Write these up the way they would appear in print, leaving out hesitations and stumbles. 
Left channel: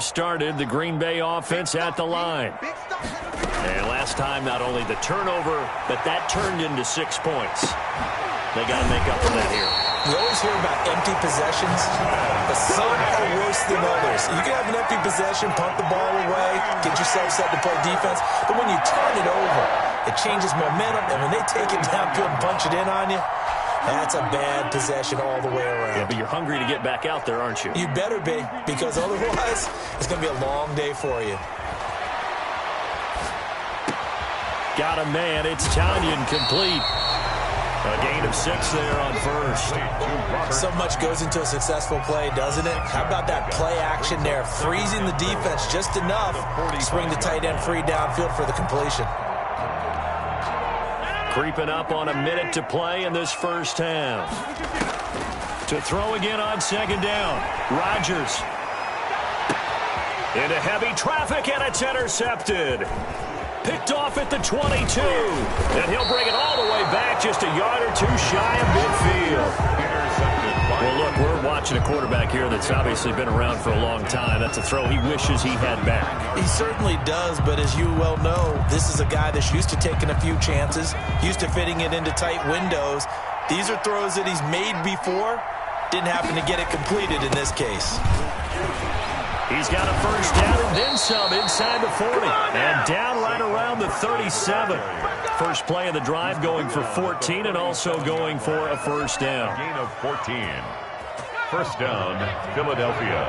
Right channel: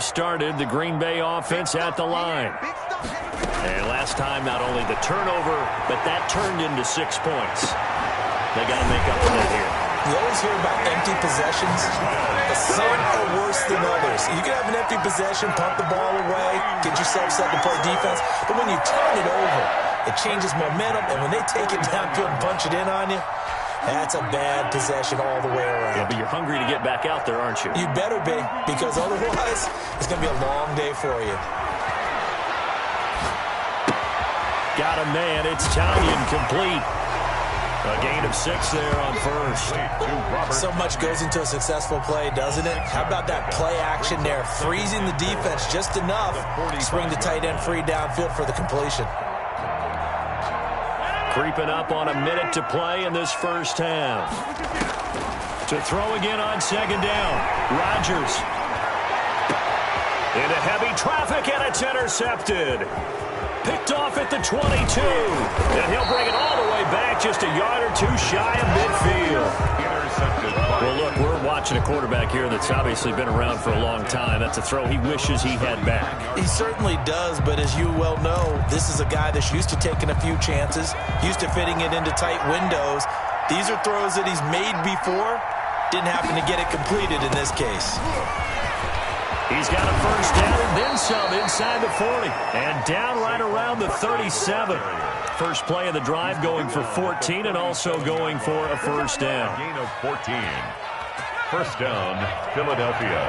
Started the Green Bay offense at the line. And last time, not only the turnover, but that turned into 6 points. They got to make up for that here. You always hear about empty possessions, but some are worse than others. You can have an empty possession, punt the ball away, get yourself set to play defense, but when you turn it over, it changes momentum, and when they take it downfield and punch it in on you, that's a bad possession all the way around. Yeah, but you're hungry to get back out there, aren't you? You better be, because otherwise, it's going to be a long day for you. Got a man. It's Tanyan complete. A gain of 6 there on first. So much goes into a successful play, doesn't it? How about that play action there? Freezing the defense just enough to swing the tight end free downfield for the completion. Creeping up on a minute to play in this first half. To throw again on second down. Rodgers. Into heavy traffic, and it's intercepted. Picked off at the 22. And he'll bring it all the way back just a yard or 2 shy of midfield. Intercepted. Well, look, we're watching a quarterback here that's obviously been around for a long time. That's a throw he wishes he had back. He certainly does, but as you well know, this is a guy that's used to taking a few chances, used to fitting it into tight windows. These are throws that he's made before. Didn't happen to get it completed in this case. He's got a first down and then some inside the 40. And down right around the 37. First play of the drive going for 14 and also going for a first down. Gain of 14. First down, Philadelphia.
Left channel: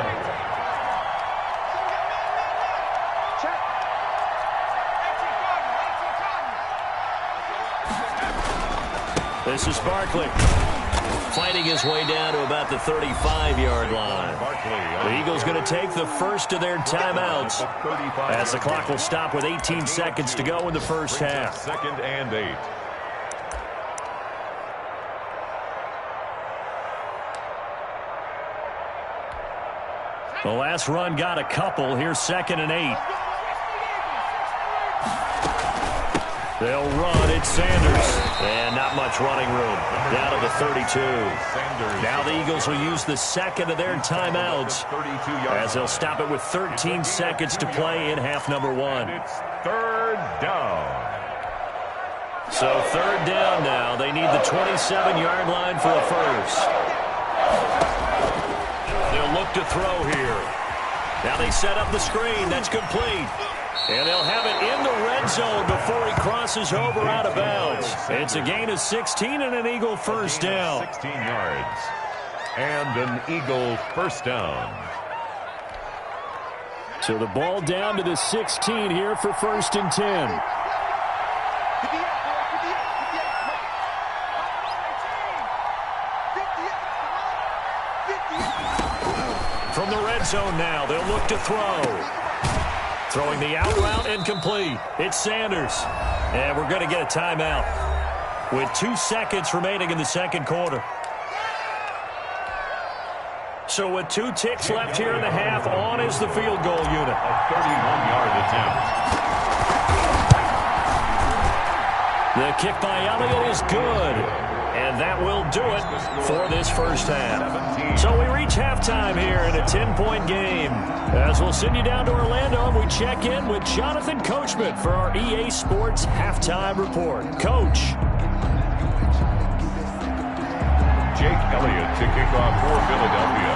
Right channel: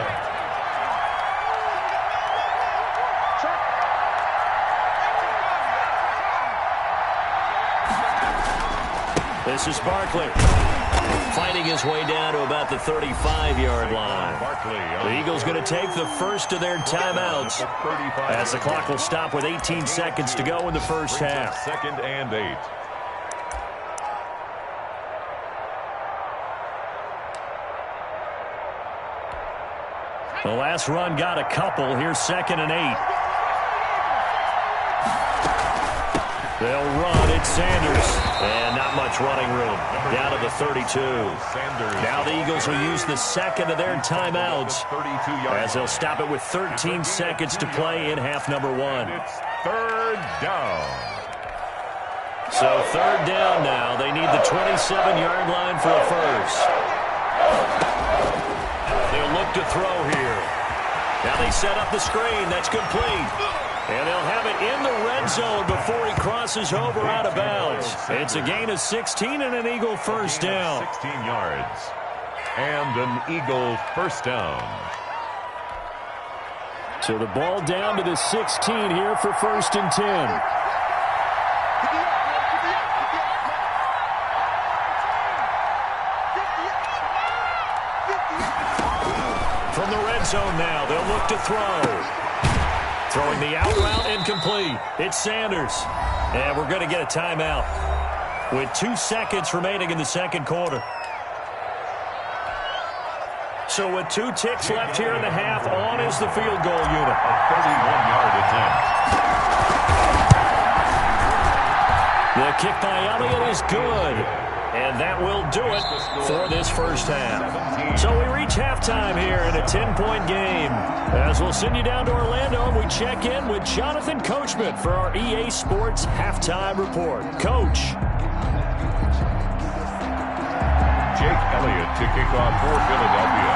This is Barkley. Fighting his way down to about the 35-yard line. The Eagles going to take the first of their timeouts as the clock will stop with 18 seconds to go in the first half. Second and 8. The last run got a couple. Here's second and 8. They'll run. It's Sanders. And not much running room. Down to the 32. Now the Eagles will use the second of their timeouts as they'll stop it with 13 seconds to play in half number 1. It's third down. So third down now. They need the 27-yard line for a first. They'll look to throw here. Now they set up the screen. That's complete. And they'll have it in the red zone before he crosses over out of bounds. It's a gain of 16 and an Eagle first down. 16 yards. And an Eagle first down. So the ball down to the 16 here for first and 10. From the red zone now, they'll look to throw. Throwing the out route and complete. It's Sanders. And we're going to get a timeout with 2 seconds remaining in the second quarter. So with 2 ticks left here in the half, on is the field goal unit. A 31-yard attempt. The kick by Elliott is good. And that will do it for this first half. So we reach halftime here in a 10-point game. As we'll send you down to Orlando, and we check in with Jonathan Coachman for our EA Sports Halftime Report. Coach. Jake Elliott to kick off for Philadelphia.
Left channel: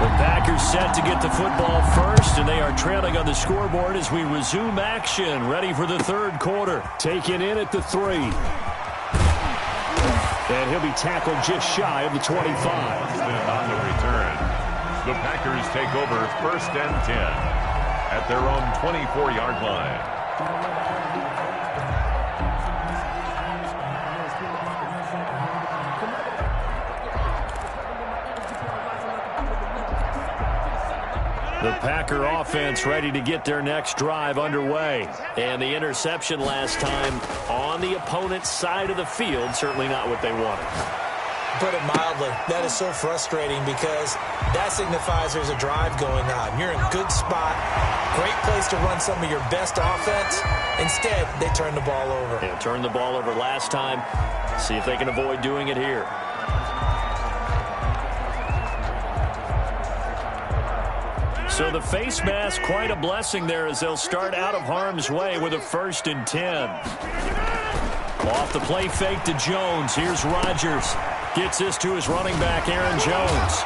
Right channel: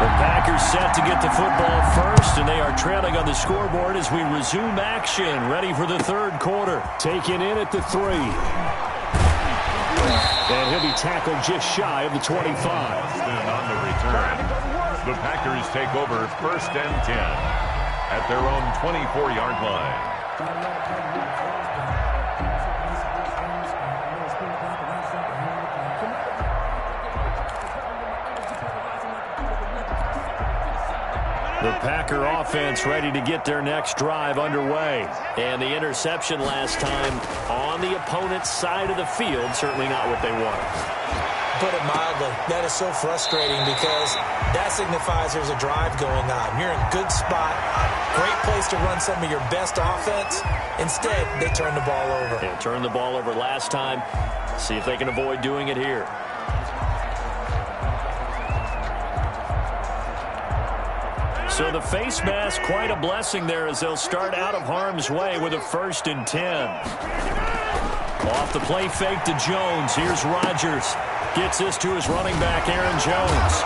The Packers set to get the football first, and they are trailing on the scoreboard as we resume action. Ready for the third quarter. Taken in at the 3. And he'll be tackled just shy of the 25. On the return, the Packers take over first and 10 at their own 24-yard line. The Packer offense ready to get their next drive underway. And the interception last time on the opponent's side of the field, certainly not what they wanted. Put it mildly, that is so frustrating because that signifies there's a drive going on. You're in a good spot, great place to run some of your best offense. Instead, they turn the ball over. Yeah, turned the ball over last time. See if they can avoid doing it here. So the face mask, quite a blessing there as they'll start out of harm's way with a 1st and 10. Off the play fake to Jones. Here's Rodgers. Gets this to his running back, Aaron Jones.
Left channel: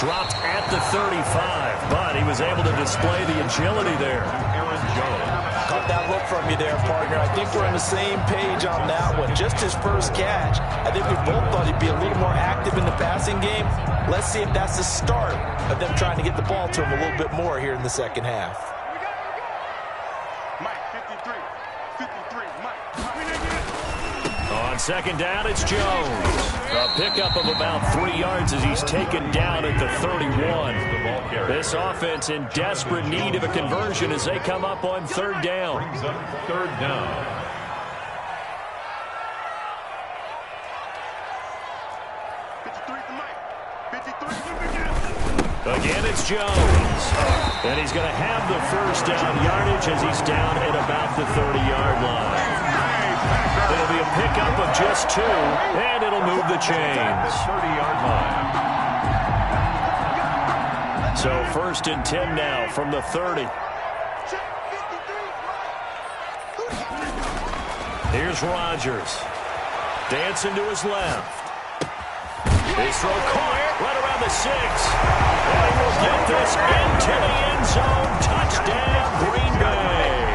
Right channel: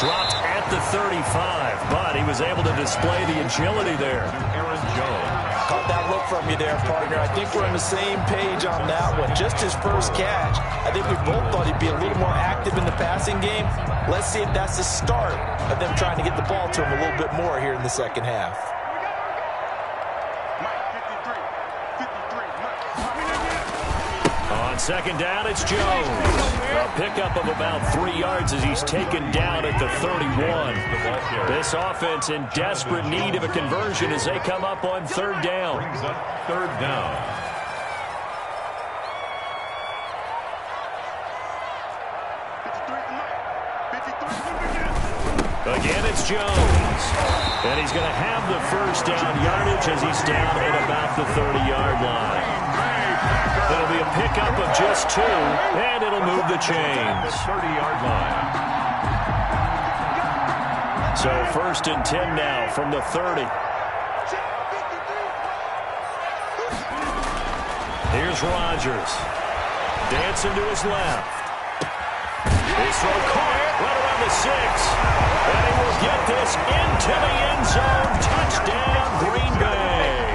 Dropped at the 35, but he was able to display the agility there. Aaron Jones. Caught that look from you there, partner. I think we're on the same page on that one. Just his first catch. I think we both thought he'd be a little more active in the passing game. Let's see if that's the start of them trying to get the ball to him a little bit more here in the second half. Mike, 53, Mike. On second down, it's Jones. A pickup of about 3 yards as he's taken down at the 31. This offense in desperate need of a conversion as they come up on 3rd down. Brings up 3rd down. Again, it's Jones. And he's going to have the 1st down yardage as he's down at about the 30-yard line. It'll be a pickup of just 2, and it'll move the chains. 30-yard line. So 1st and 10 now from the 30. Here's Rodgers. Dancing to his left. His throw caught right around the 6. And he will get this into the end zone. Touchdown, Green Bay.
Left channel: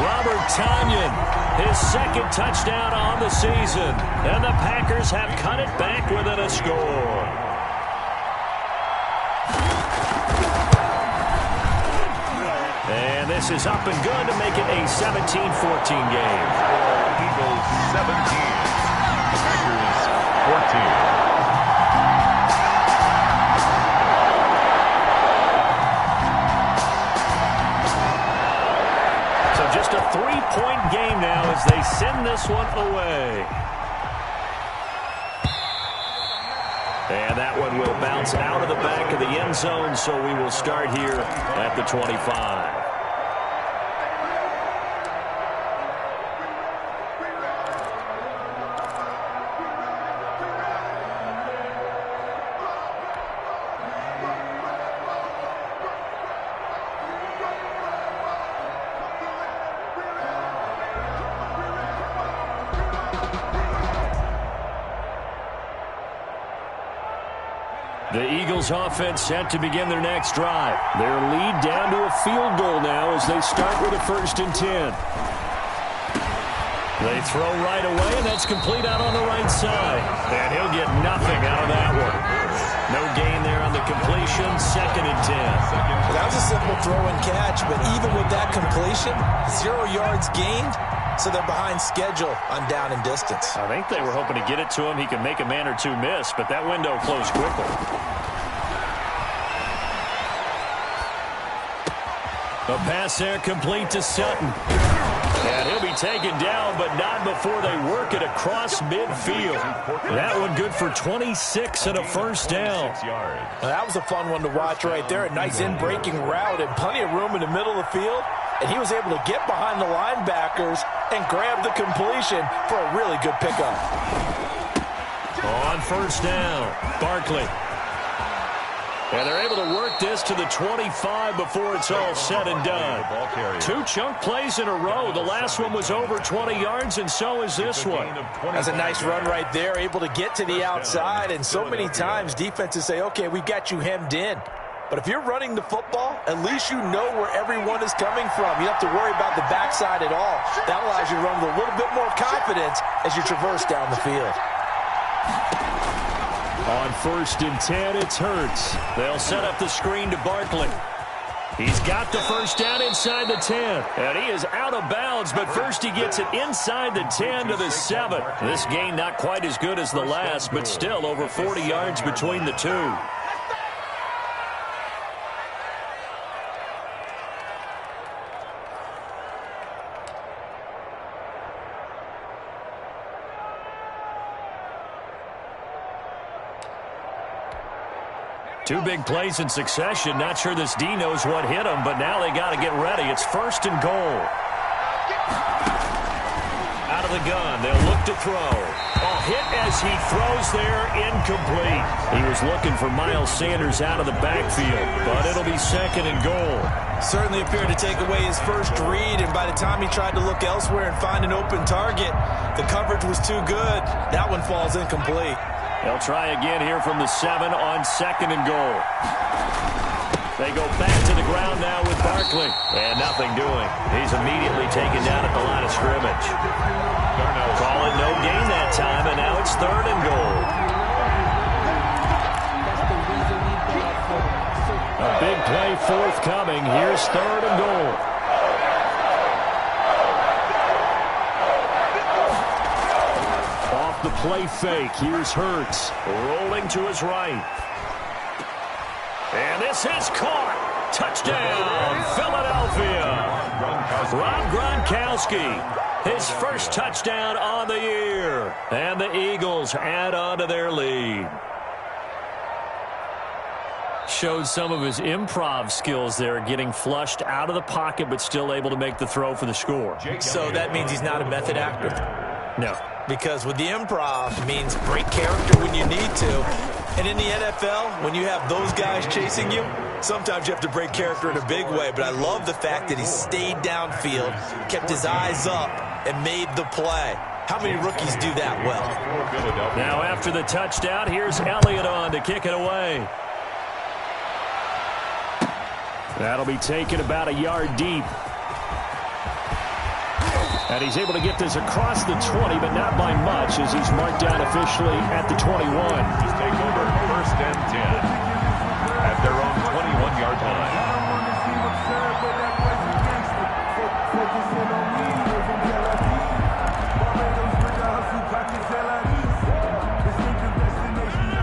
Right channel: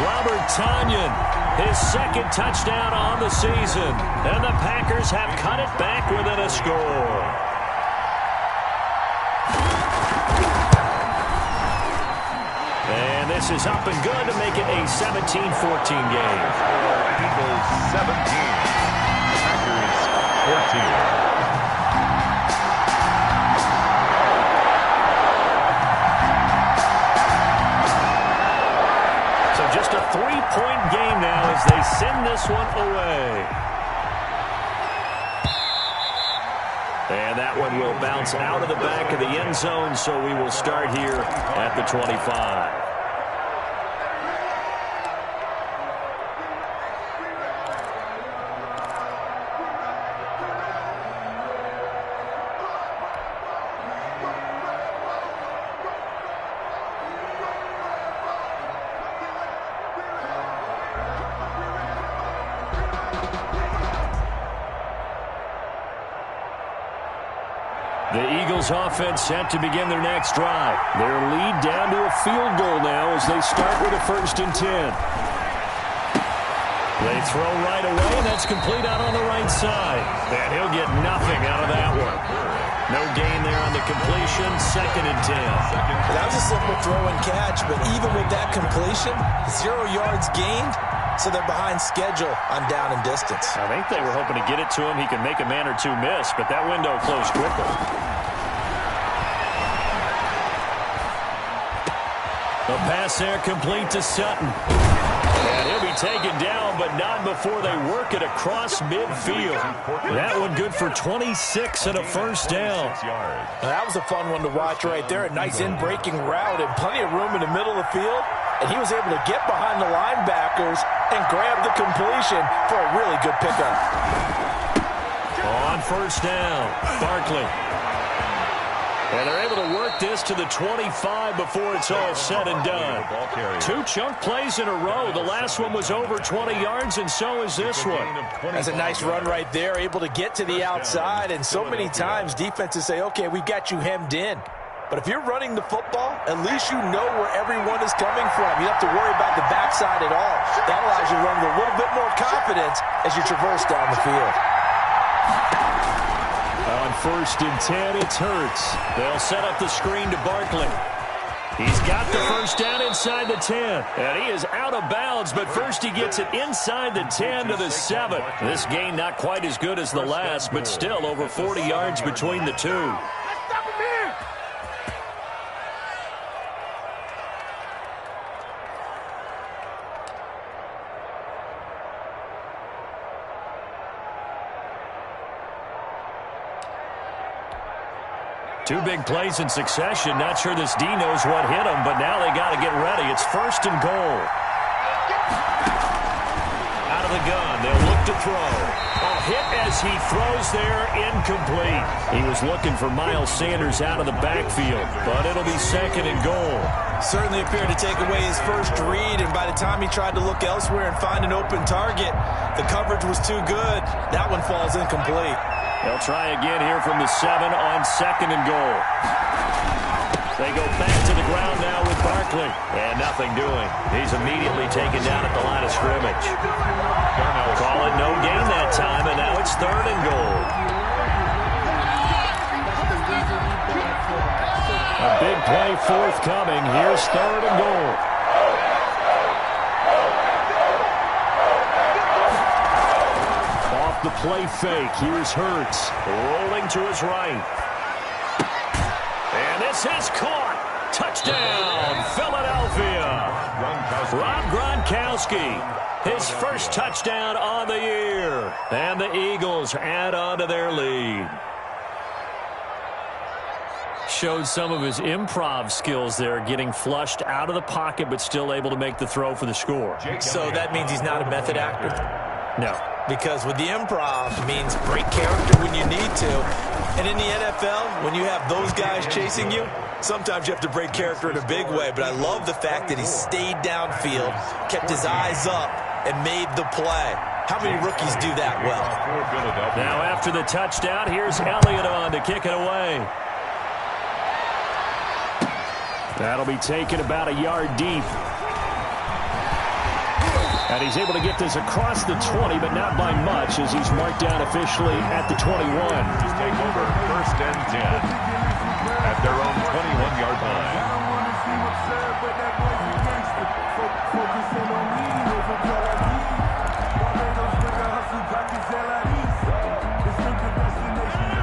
Robert Tonyan, his 2nd touchdown on the season. And the Packers have cut it back within a score. And this is up and good to make it a 17-14 game. Eagles 17. Packers 14. Just a 3-point game now as they send this one away. And that one will bounce out of the back of the end zone, so we will start here at the 25. The Eagles offense set to begin their next drive. Their lead down to a field goal now as they start with a 1st and 10. They throw right away, and that's complete out on the right side. And he'll get nothing out of that one. No gain there on the completion, 2nd and 10. That was a simple throw and catch, but even with that completion, 0 yards gained, so they're behind schedule on down and distance. I think they were hoping to get it to him. He could make a man or 2 miss, but that window closed quickly. A pass there complete to Sutton. And he'll be taken down, but not before they work it across midfield. That one good for 26 and a 1st down. That was a fun one to watch right there. A nice in-breaking route and plenty of room in the middle of the field. And he was able to get behind the linebackers and grab the completion for a really good pickup. On 1st down, Barkley. And they're able to work this to the 25 before it's all said and done. 2 chunk plays in a row. The last one was over 20 yards, and so is this one. That's a nice run right there, able to get to the outside. And so many times defenses say, okay, we've got you hemmed in. But if you're running the football, at least you know where everyone is coming from. You don't have to worry about the backside at all. That allows you to run with a little bit more confidence as you traverse down the field. On 1st and 10, it's Hurts. They'll set up the screen to Barkley. He's got the 1st down inside the 10. And he is out of bounds, but first he gets it inside the 10 to the 7. This gain not quite as good as the last, but still over 40 yards between the two. Two big plays in succession. Not sure this D knows what hit him, but now they got to get ready. It's 1st and goal. Out out of the gun. They'll look to throw. Oh, hit as he throws there, incomplete. He was looking for Miles Sanders out of the backfield, but it'll be 2nd and goal. Certainly appeared to take away his first read, and by the time he tried to look elsewhere and find an open target, the coverage was too good. That one falls incomplete. They'll try again here from the 7 on 2nd and goal. They go back to the ground now with Barkley. And nothing doing. He's immediately taken down at the line of scrimmage. Call it no gain that time, and now it's 3rd and goal. A big play forthcoming. Here's 3rd and goal. Off the play fake. Here's Hurts. Rolling to his right. And this is caught. Touchdown, Philadelphia. Rob Gronkowski, his first touchdown on the year. And the Eagles add on to their lead. Showed some of his improv skills there, getting flushed out of the pocket, but still able to make the throw for the score. So that means he's not a method actor? No. Because with the improv, it means break character when you need to. And in the NFL, when you have those guys chasing you, sometimes you have to break character in a big way. But I love the fact that he stayed downfield, kept his eyes up, and made the play. How many rookies do that well? Now after the touchdown, here's Elliott on to kick it away. That'll be taken about a yard deep. And he's able to get this across the 20, but not by much, as he's marked down officially at the 21. Just take over 1st and 10 at their own 21-yard line.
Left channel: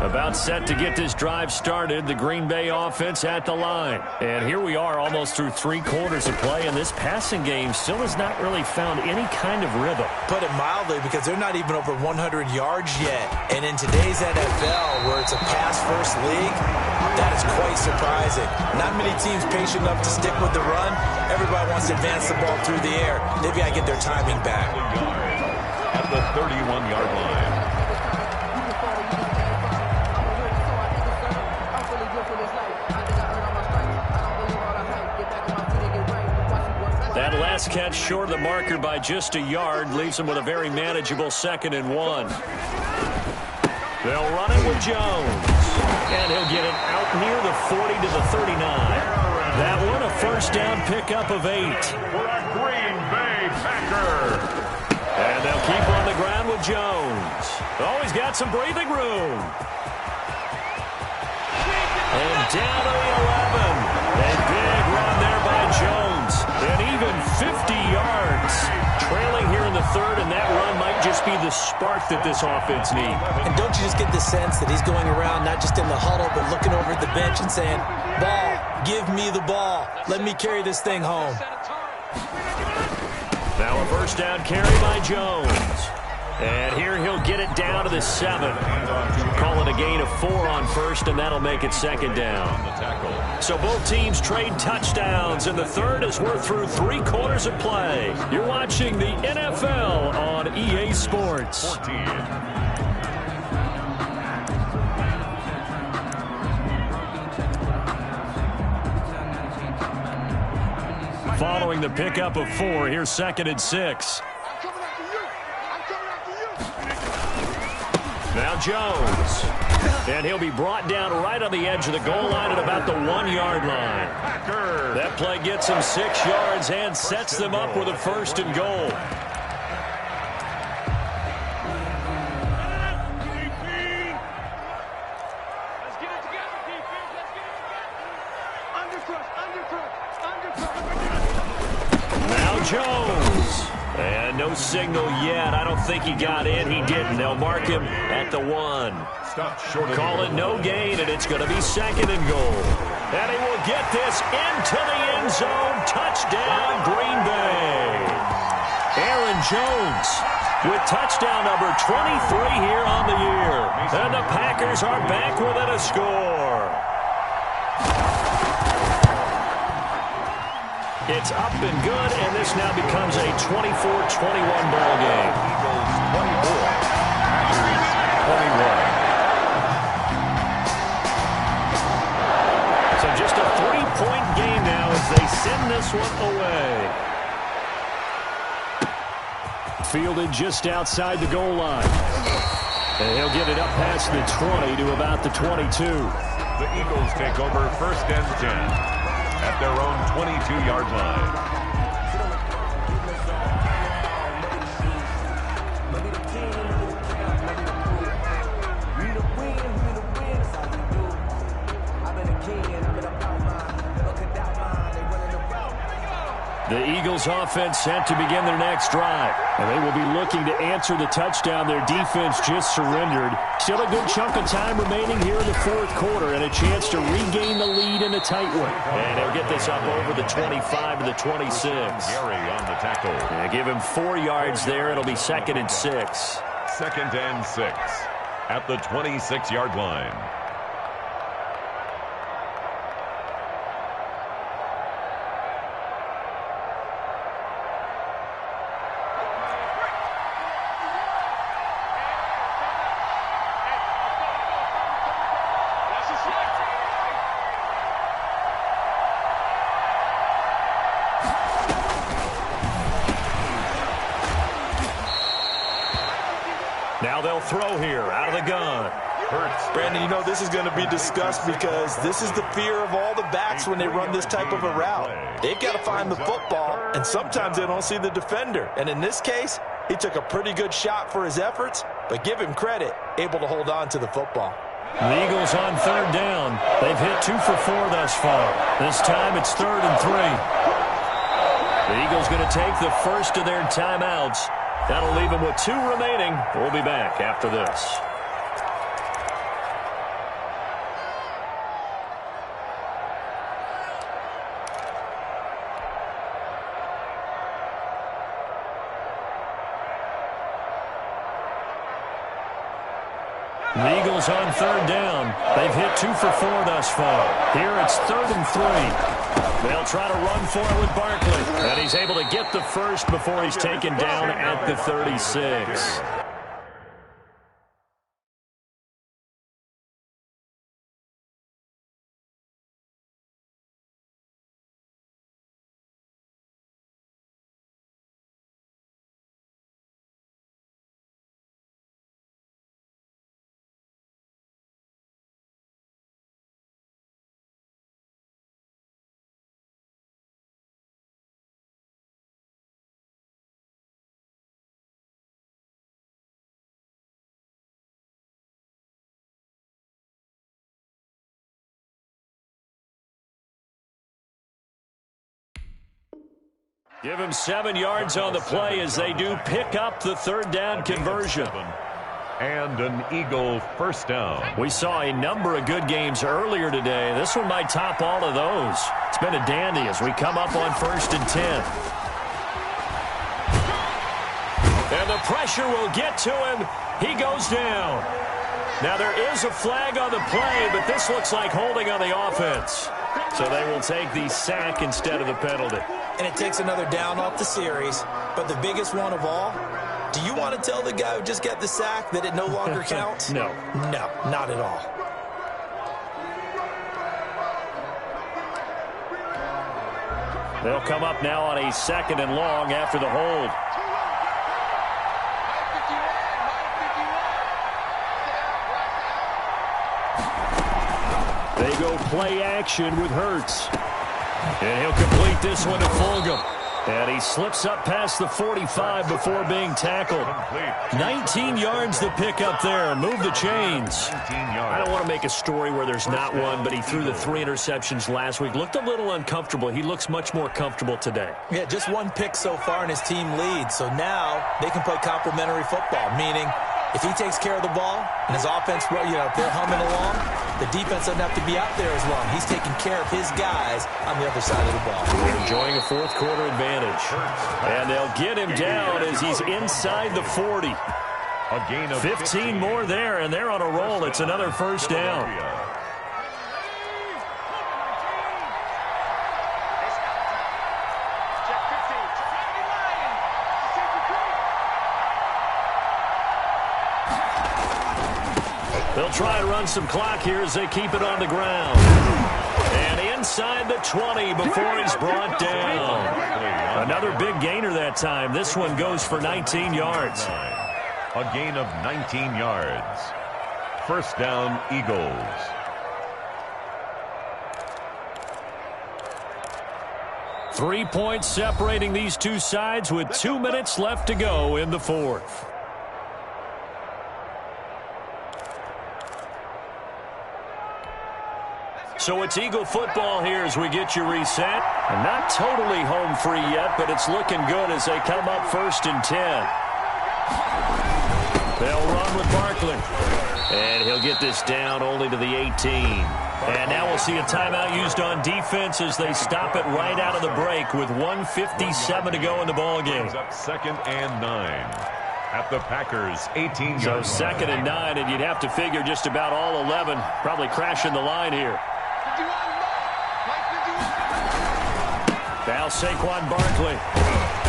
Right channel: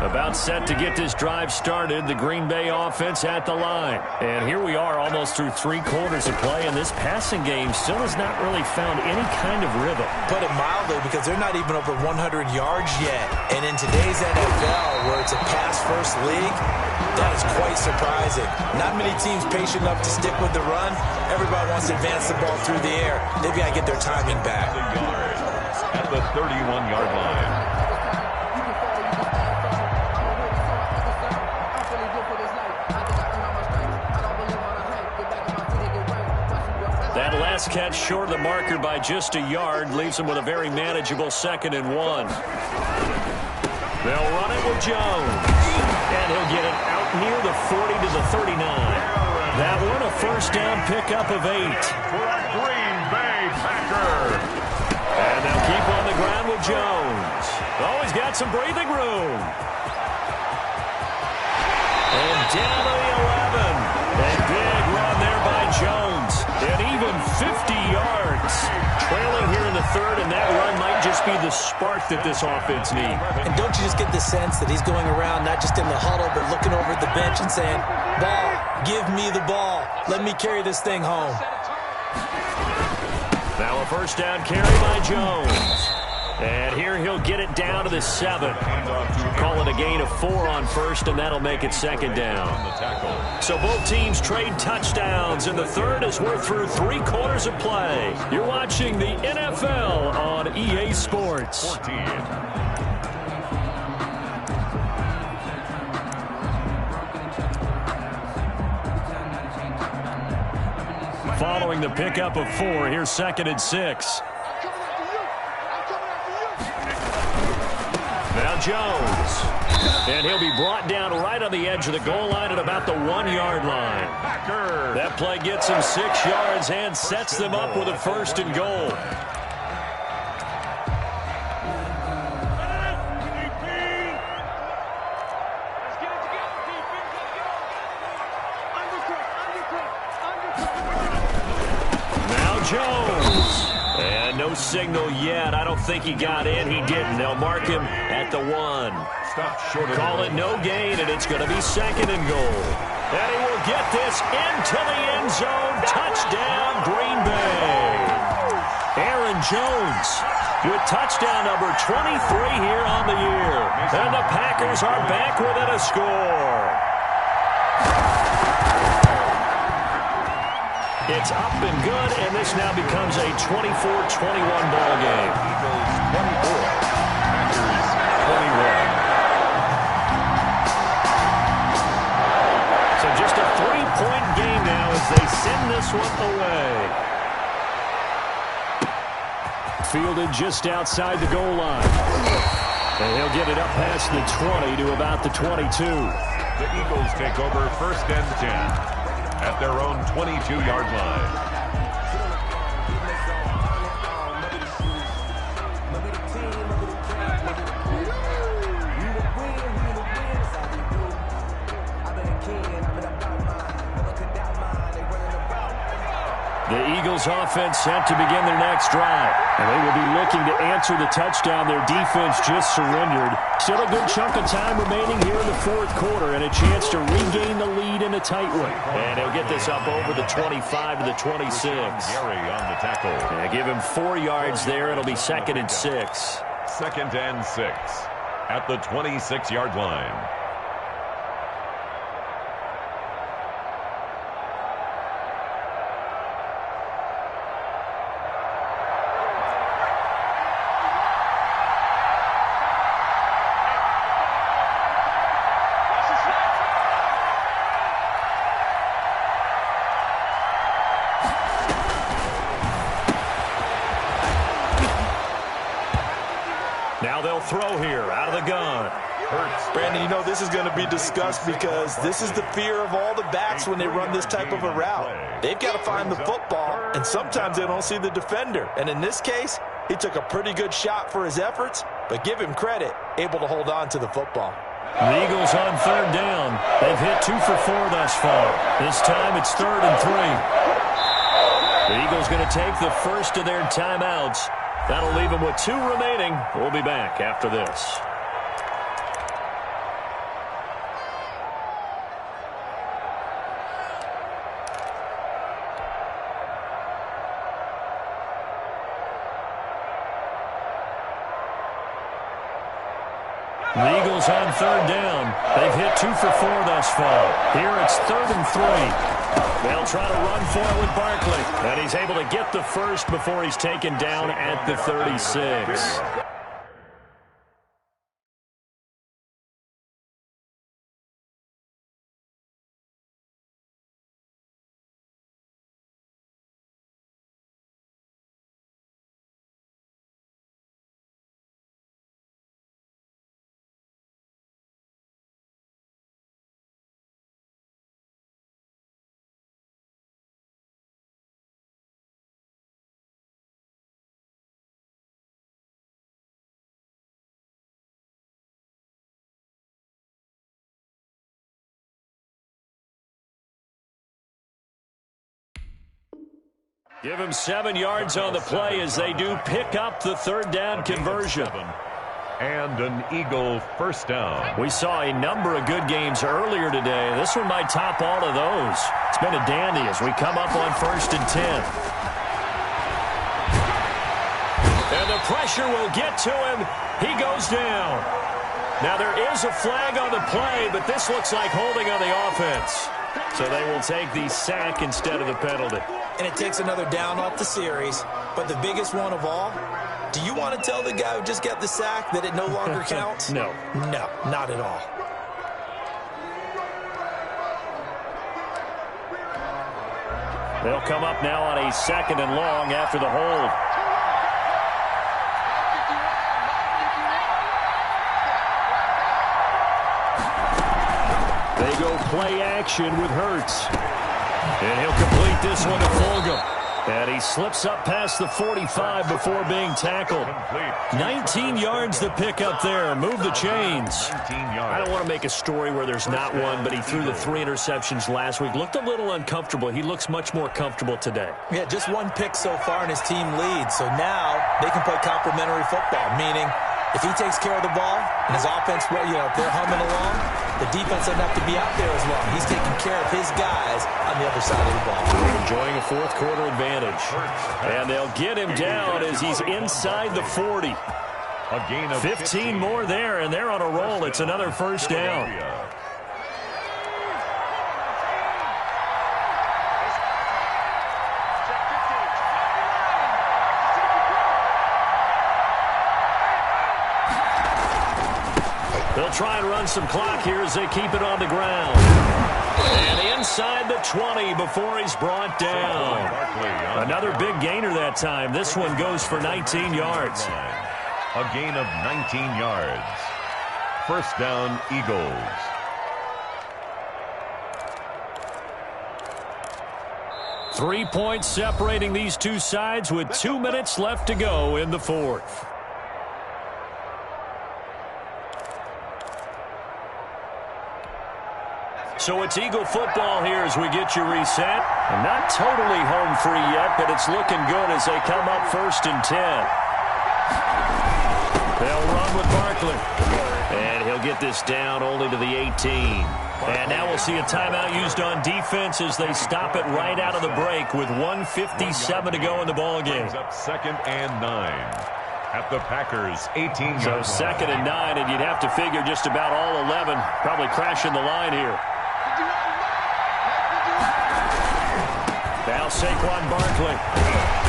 About set to get this drive started, the Green Bay offense at the line. And here we are almost through 3 quarters of play, and this passing game still has not really found any kind of rhythm. Put it mildly, because they're not even over 100 yards yet. And in today's NFL, where it's a pass-first league, that is quite surprising. Not many teams patient enough to stick with the run. Everybody wants to advance the ball through the air. They've got to get their timing back. At the 31-yard line. That last catch short of the marker by just a yard leaves him with a very manageable 2nd and 1. They'll run it with Jones. And he'll get it out near the 40 to the 39. That one a first down pickup of 8. For a Green Bay Packer. And they'll keep on the ground with Jones. Oh, he's got some breathing room. And down to the 11. A big run there by Jones. And even 50 yards. Trailing here in the 3rd, and that run might just be the spark that this offense needs. And don't you just get the sense that he's going around not just in the huddle, but looking over at the bench and saying, ball, give me the ball. Let me carry this thing home. Now a first down carry by Jones. And here he'll get it down to the 7. Call it a gain of 4 on 1st, and that'll make it 2nd down. So both teams trade touchdowns in the 3rd as we're through 3 quarters of play. You're watching the NFL on EA Sports. 14. Following the pickup of 4, here's 2nd and 6. Now Jones. And he'll be brought down right on the edge of the goal line at about the 1-yard line. That play gets him 6 yards and sets them up with a 1st and goal. Now Jones. And no signal yet. I don't think he got in. He didn't. They'll mark him at the 1. Call it no gain, and it's going to be 2nd and goal. And he will get this into the end zone. Touchdown, Green Bay. Aaron Jones with touchdown number 23 here on the year. And the Packers are back within a score. It's up and good, and this now becomes a 24-21 ball game. Eagles 24, Packers 21. So just a 3-point game now as they send this one away. Fielded just outside the goal line. And he'll get it up past the 20 to about the 22. The Eagles take over 1st and 10 at their own 22-yard line. The Eagles offense set to begin their next drive. And they will be looking to answer the touchdown their defense just surrendered. Still a good chunk of time remaining here in the 4th quarter and a chance to regain the lead in a tight one. And he'll get this up over the 25 to the 26. Gary on the tackle. And give him 4 yards there. It'll be 2nd and 6. 2nd and 6 at the 26-yard line. Now they'll throw here out of the gun. Brandon, you know this is going to be discussed because this is the fear of all the backs when they run this type of a route. They've got to find the football, and sometimes they don't see the defender. And in this case, he took a pretty good shot for his efforts, but give him credit, able to hold on to the football. The Eagles on 3rd down. They've hit 2 for 4 thus far. This time it's 3rd and 3. The Eagles going to take the first of their timeouts. That'll leave them with 2 remaining. We'll be back after this. The Eagles on 3rd down. They've hit 2 for 4 thus far. Here it's 3rd and 3. They'll try to run for it with Barkley. And he's able to get the first before he's taken down at the 36. Give him 7 yards on the play as they do pick up the 3rd down conversion. And an Eagle 1st down. We saw a number of good games earlier today. This one might top all of those. It's been a dandy as we come up on 1st and 10. And the pressure will get to him. He goes down. Now there is a flag on the play, but this looks like holding on the offense. So they will take the sack instead of the penalty. And it takes another down off the series. But the biggest one of all, do you want to tell the guy who just got the sack that it no longer counts? No. No, not at all. They'll come up now on a 2nd and long after the hold. They go play action with Hurts. And he'll complete this one to Fulgham. And he slips up past the 45 before being tackled. 19 yards to pick up there. Move the chains. I don't want to make a story where there's not one, but he threw the 3 interceptions last week. Looked a little uncomfortable. He looks much more comfortable today. Yeah, just 1 pick so far and his team leads. So now they can play complementary football, meaning if he takes care of the ball and his offense, if they're humming along, the defense doesn't have to be out there as long. He's taking care of his guys on the other side of the ball. They're enjoying a 4th quarter advantage. And they'll get him down as he's inside the 40. A gain of 15 more there, and they're on a roll. It's another 1st down. They'll try and run some clock here as they keep it on the ground. And inside the 20 before he's brought down. Another big gainer that time. This one goes for 19 yards. A gain of 19 yards. First down, Eagles. Three points separating these two sides with 2 minutes left to go in the fourth. So it's Eagle football here as we get you reset. And not totally home free yet, but it's looking good as they come up 1st and 10. They'll run with Barkley. And he'll get this down only to the 18. And now we'll see a timeout used on defense as they stop it right out of the break with 1:57 to go in the ballgame. Up 2nd and 9 at the Packers' 18-yard So line. 2nd and 9, and you'd have to figure just about all 11 probably crashing the line here. Now Saquon Barkley.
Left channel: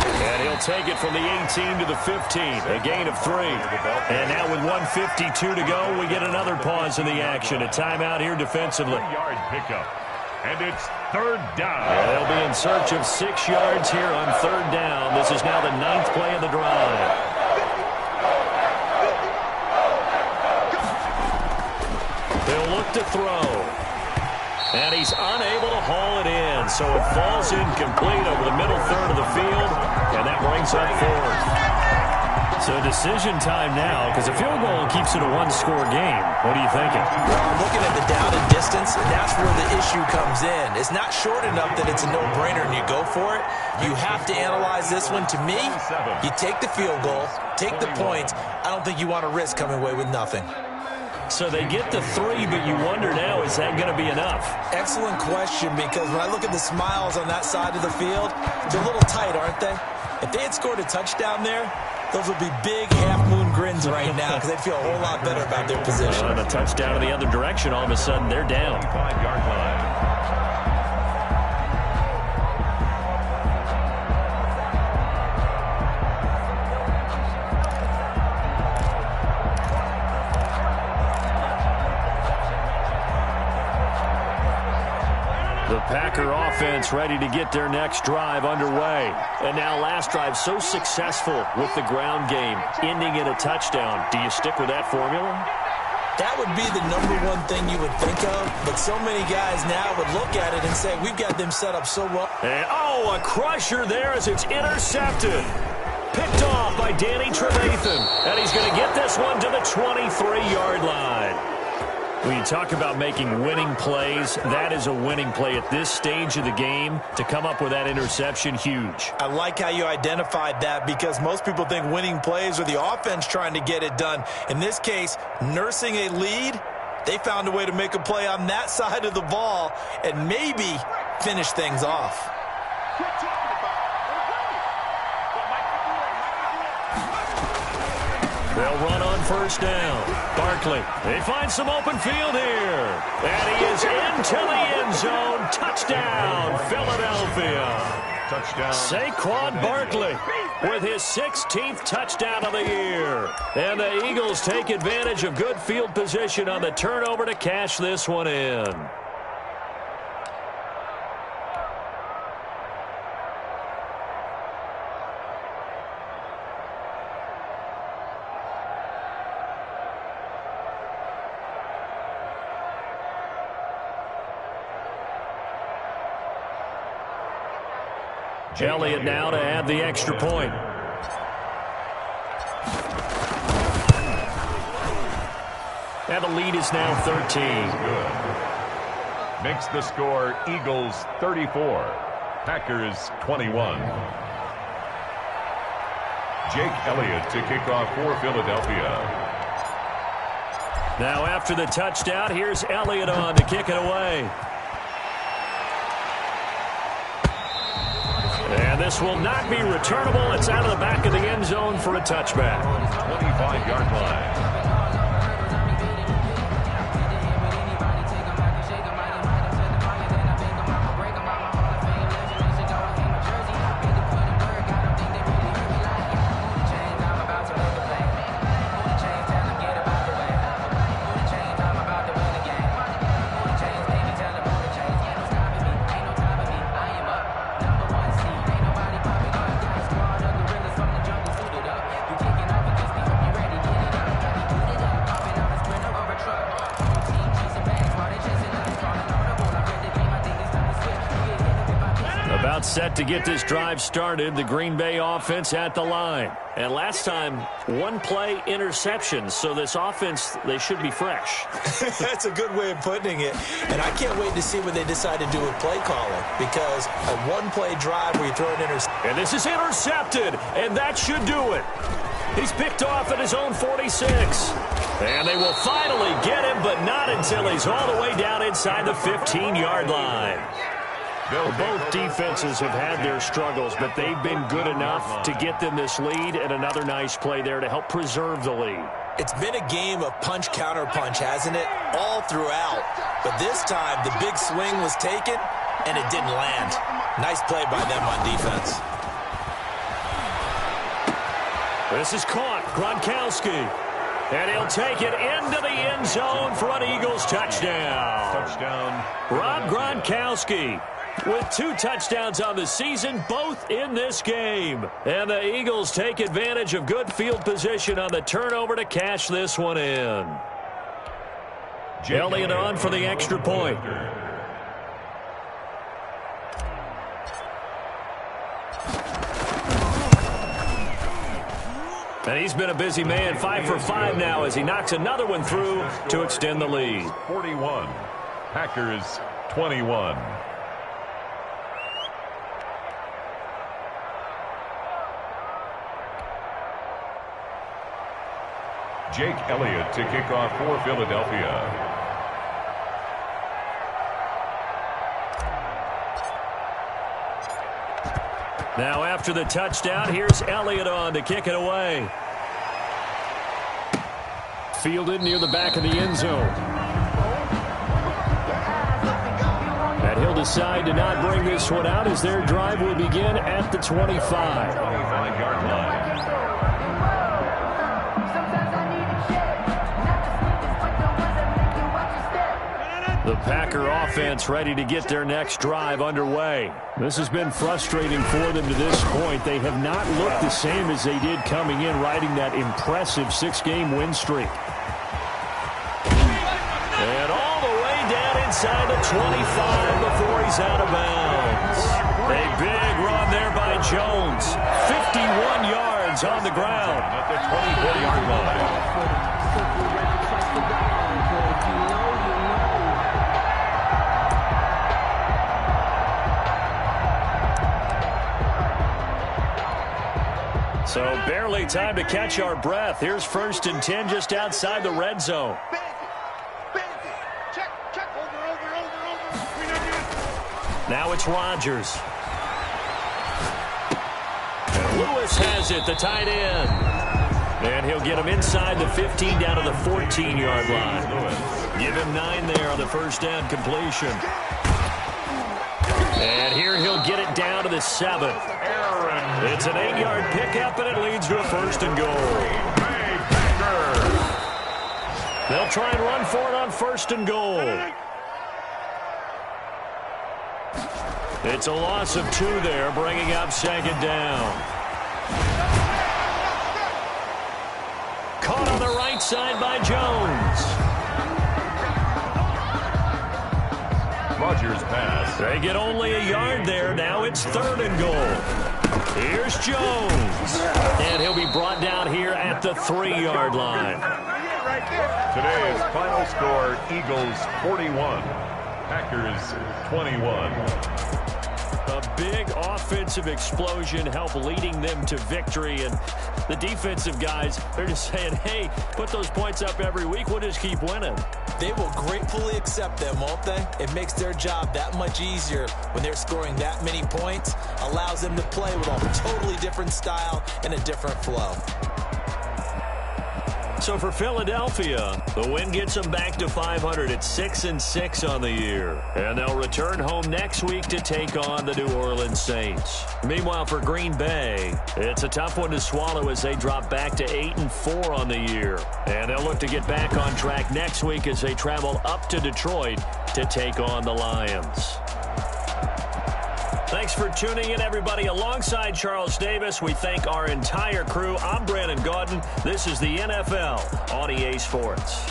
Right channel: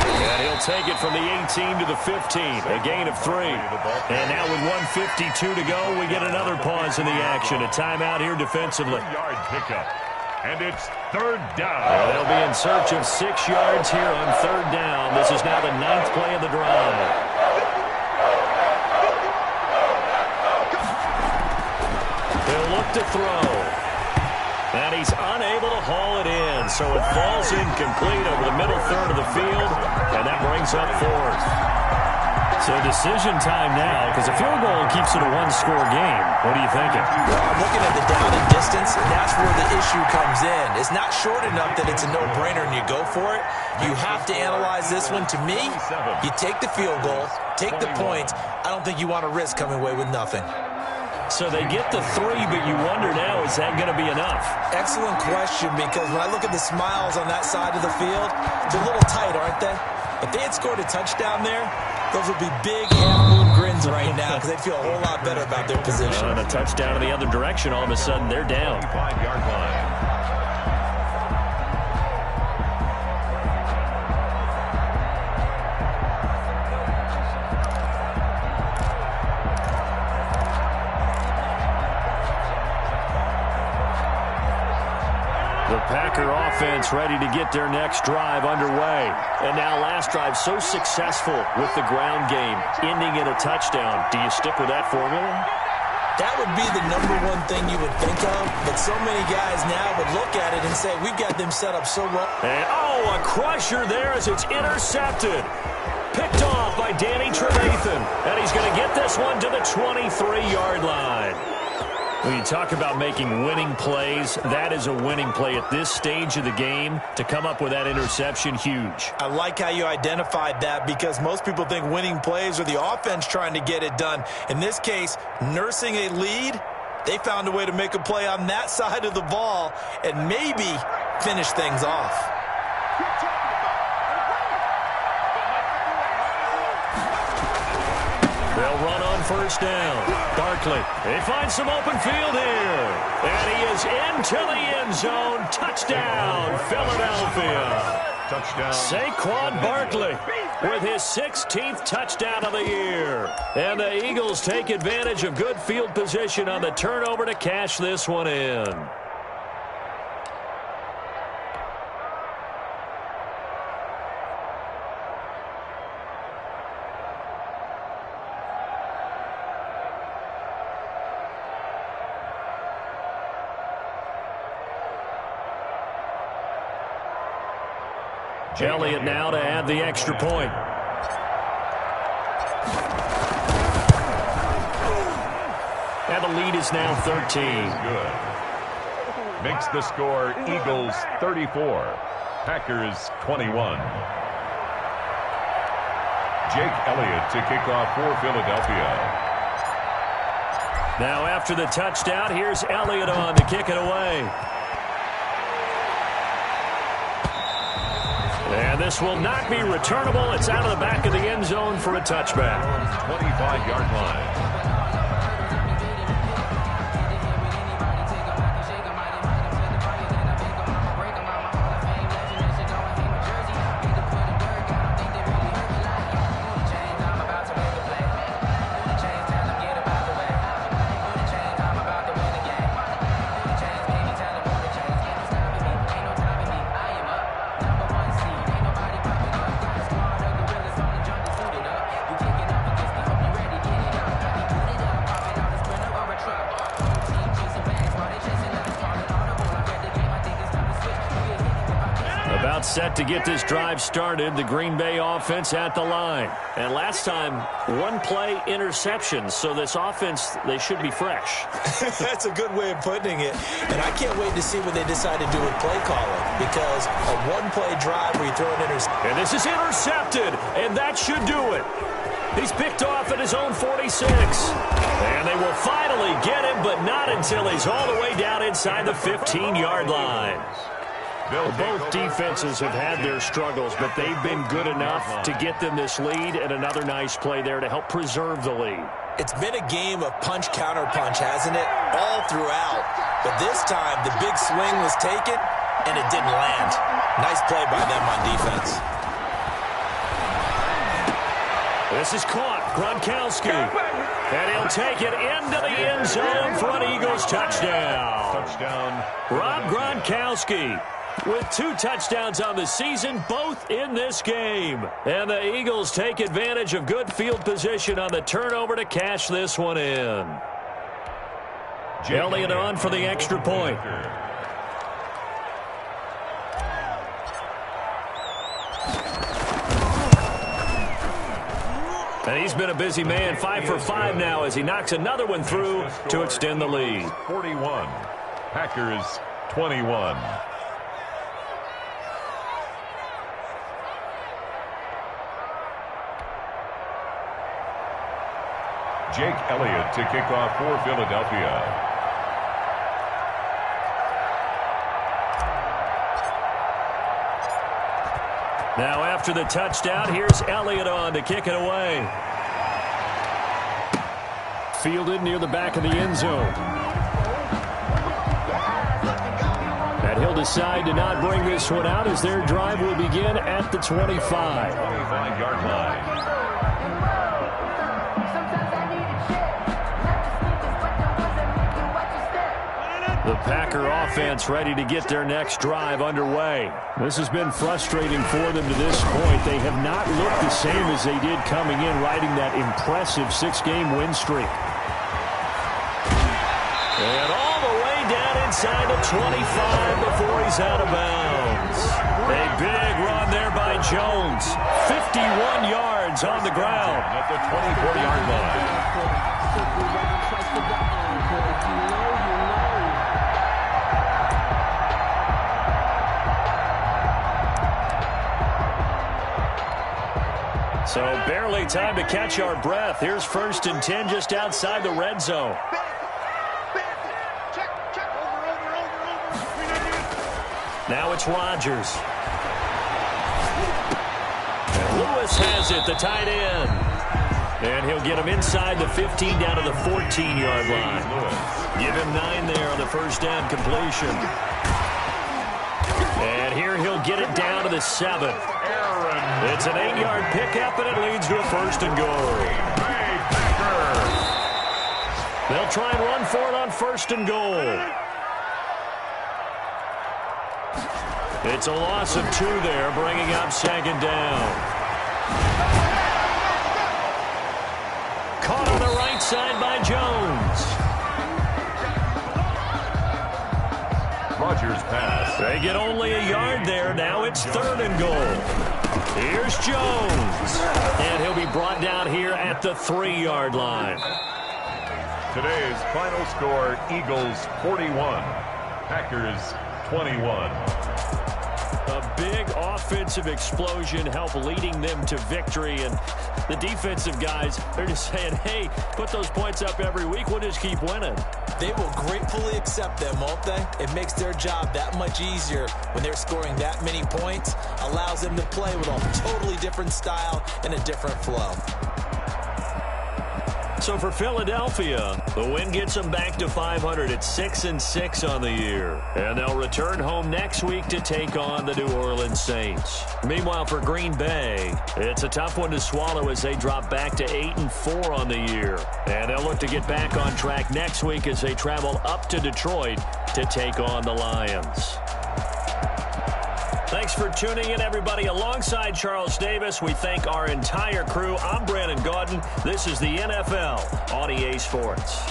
And he'll take it from the 18 to the 15. A gain of 3. And now with 1:52 to go, we get another pause in the action. A timeout here defensively. 3-yard pickup. And it's 3rd down. And they'll be in search of 6 yards here on 3rd down. This is now the 9th play of the drive. He'll look to throw. And he's unable to haul it in, so it falls incomplete over the middle third of the field, and that brings up 4th. So decision time now, because a field goal keeps it a one-score game. What are you thinking? Well, I'm looking at the down and distance, and that's where the issue comes in. It's not short enough that it's a no-brainer and you go for it. You have to analyze this one. To me, you take the field goal, take the points. I don't think you want to risk coming away with nothing. So they get the 3, but you wonder now, is that going to be enough? Excellent question, because when I look at the smiles on that side of the field, they're a little tight, aren't they? If they had scored a touchdown there, those would be big half-moon grins right now because they'd feel a whole lot better about their position. And a touchdown in the other direction, all of a sudden they're down. 5-yard line. The Packer offense ready to get their next drive underway. And now last drive so successful with the ground game, ending in a touchdown. Do you stick with that formula? That would be the #1 thing you would think of, but so many guys now would look at it and say, we've got them set up so well. And, a crusher there as it's intercepted. Picked off by Danny Trevathan. And he's going to get this one to the 23-yard line. When you talk about making winning plays, that is a winning play at this stage of the game. To come up with that interception, huge. I like how you identified that because most people think winning plays are the offense trying to get it done. In this case, nursing a lead, they found a way to make a play on that side of the ball and maybe finish things off. They'll run on 1st down. Barkley, they find some open field here. And he is into the end zone. Touchdown, Philadelphia. Touchdown. Saquon Barkley with his 16th touchdown of the year. And the Eagles take advantage of good field position on the turnover to cash this one in. Elliott now to add the extra point. And the lead is now 13. Good. Makes the score Eagles 34, Packers 21. Jake Elliott to kick off for Philadelphia. Now after the touchdown, here's Elliott on to kick it away. And this will not be returnable. It's out of the back of the end zone for a touchback. 25-yard line. About set to get this drive started, the Green Bay offense at the line. And last time, one play interception, so this offense, they should be fresh. That's a good way of putting it. And I can't wait to see what they decide to do with play calling, because a one-play drive where you throw an interception. And this is intercepted, and that should do it. He's picked off at his own 46. And they will finally get him, but not until he's all the way down inside the 15-yard line. Well, both defenses have had their struggles, but they've been good enough to get them this lead, and another nice play there to help preserve the lead. It's been a game of punch-counter-punch, hasn't it? All throughout. But this time, the big swing was taken, and it didn't land. Nice play by them on defense. This is caught. Gronkowski. And he'll take it into the end zone for an Eagles touchdown. Touchdown. Rob Gronkowski with 2 touchdowns on the season, both in this game. And the Eagles take advantage of good field position on the turnover to cash this one in. Elliott on for the extra point. And he's been a busy man, 5 for 5 now as he knocks another one through to extend the lead. 41, Packers 21. Jake Elliott to kick off for Philadelphia. Now after the touchdown, here's Elliott on to kick it away. Fielded near the back of the end zone. And he'll decide to not bring this one out as their drive will begin at the 25. 25-yard line. The Packer offense ready to get their next drive underway. This has been frustrating for them to this point. They have not looked the same as they did coming in, riding that impressive 6-game win streak. And all the way down inside the 25 before he's out of bounds. A big run there by Jones. 51 yards on the ground. At the 24-yard line. So barely time to catch our breath. Here's 1st and 10 just outside the red zone. Now it's Rodgers. And Lewis has it, the tight end. And he'll get him inside the 15 down to the 14-yard line. Give him 9 there on the first down completion. And here he'll get it down to the 7. It's an 8-yard pickup, and it leads to a 1st and goal. They'll try and run for it on 1st and goal. It's a loss of 2 there, bringing up 2nd down. Caught on the right side by Jones. Rodgers pass. They get only a yard there. Now it's 3rd and goal. Here's Jones. And he'll be brought down here at the 3-yard line. Today's final score, Eagles 41, Packers 21. A big offensive explosion helped leading them to victory. And the defensive guys, they're just saying, hey, put those points up every week. We'll just keep winning. They will gratefully accept them, won't they? It makes their job that much easier when they're scoring that many points. Allows them to play with a totally different style and a different flow. So for Philadelphia, the win gets them back to 500 at 6-6 on the year. And they'll return home next week to take on the New Orleans Saints. Meanwhile, for Green Bay, it's a tough one to swallow as they drop back to 8-4 on the year. And they'll look to get back on track next week as they travel up to Detroit to take on the Lions. Thanks for tuning in, everybody. Alongside Charles Davis, we thank our entire crew. I'm Brandon Gaudin. This is the NFL on EA Sports.